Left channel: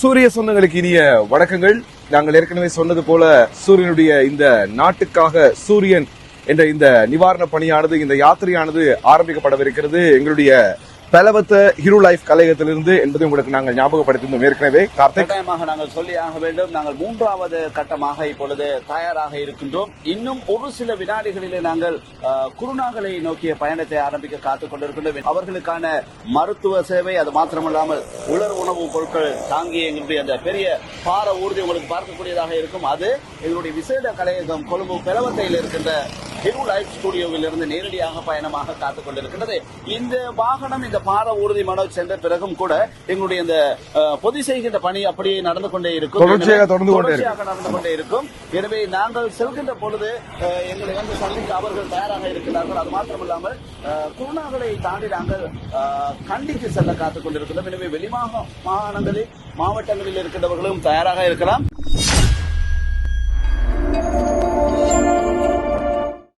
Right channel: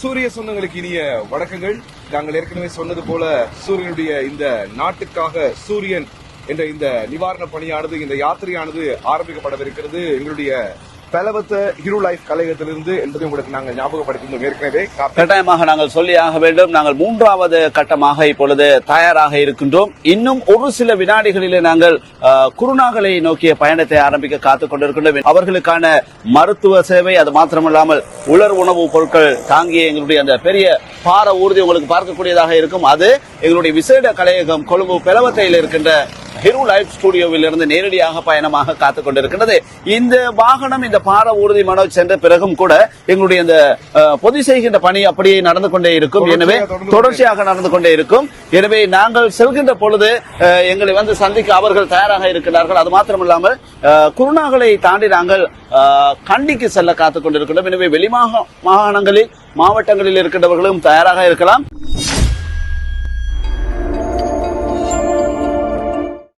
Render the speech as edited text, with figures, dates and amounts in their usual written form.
சூரிய சொந்தங்களுக்கு இனிய வணக்கங்கள். நாங்கள் ஏற்கனவே சொன்னது போல சூரியனுடைய இந்த நாட்டுக்காக சூரியன் என்ற இந்த நிவாரண பணியானது, இந்த யாத்திரையானது ஆரம்பிக்கப்படவிருக்கிறது எங்களுடைய பலவத்த ஹீரோ லைஃப் கலையகத்திலிருந்து என்பதை உங்களுக்கு நாங்கள் ஞாபகப்படுத்தினோம். ஏற்கனவே கட்டாயமாக நாங்கள் சொல்லியாக வேண்டும். நாங்கள் 3வது கட்டமாக இப்பொழுது தயாராக இருக்கின்றோம். இன்னும் ஒரு சில வினாடிகளிலே நாங்கள் குருநாகலை நோக்கிய பயணத்தை ஆரம்பிக்க காத்துக் கொண்டிருக்கின்றோம். அவர்களுக்கான மருத்துவ சேவை, அது மாத்திரமல்லாமல் உலர் உணவுப் பொருட்கள் தாங்கிய எங்களுடைய அந்த பெரிய பார ஊர்தி உங்களுக்கு பார்க்கக்கூடியதாக இருக்கும். அது எங்களுடைய விசேட கலையகம் கொழும்பு பெலவத்தையில் இருக்கின்ற ஹீரோ லைஃப் ஸ்டுடியோவில் இருந்து நேரடியாக பயணமாக காத்துக் கொண்டிருக்கிறது. இந்த வாகனம், இந்த பார ஊர்தி மனோஜ் சென்ற பிறகும் கூட எங்களுடைய இந்த பொது செய்கின்ற பணி அப்படியே நடந்து கொண்டே இருக்கும். எனவே தொடர்ச்சியாக நடந்து கொண்டே இருக்கும். எனவே நாங்கள் செல்கின்ற பொழுது எங்களை வந்து சந்திக்க அவர்கள் தயாராக இருக்கிறார்கள். அது மாத்திரமில்லாமல் குருநாகலை தாண்டி நாங்கள் கண்டிக்கு செல்ல காத்துக் கொண்டிருக்கின்றோம். எனவே வெளி மாகாணங்களில், மாவட்டங்களில் இருக்கின்றவர்களும் தயாராக இருக்கலாம்.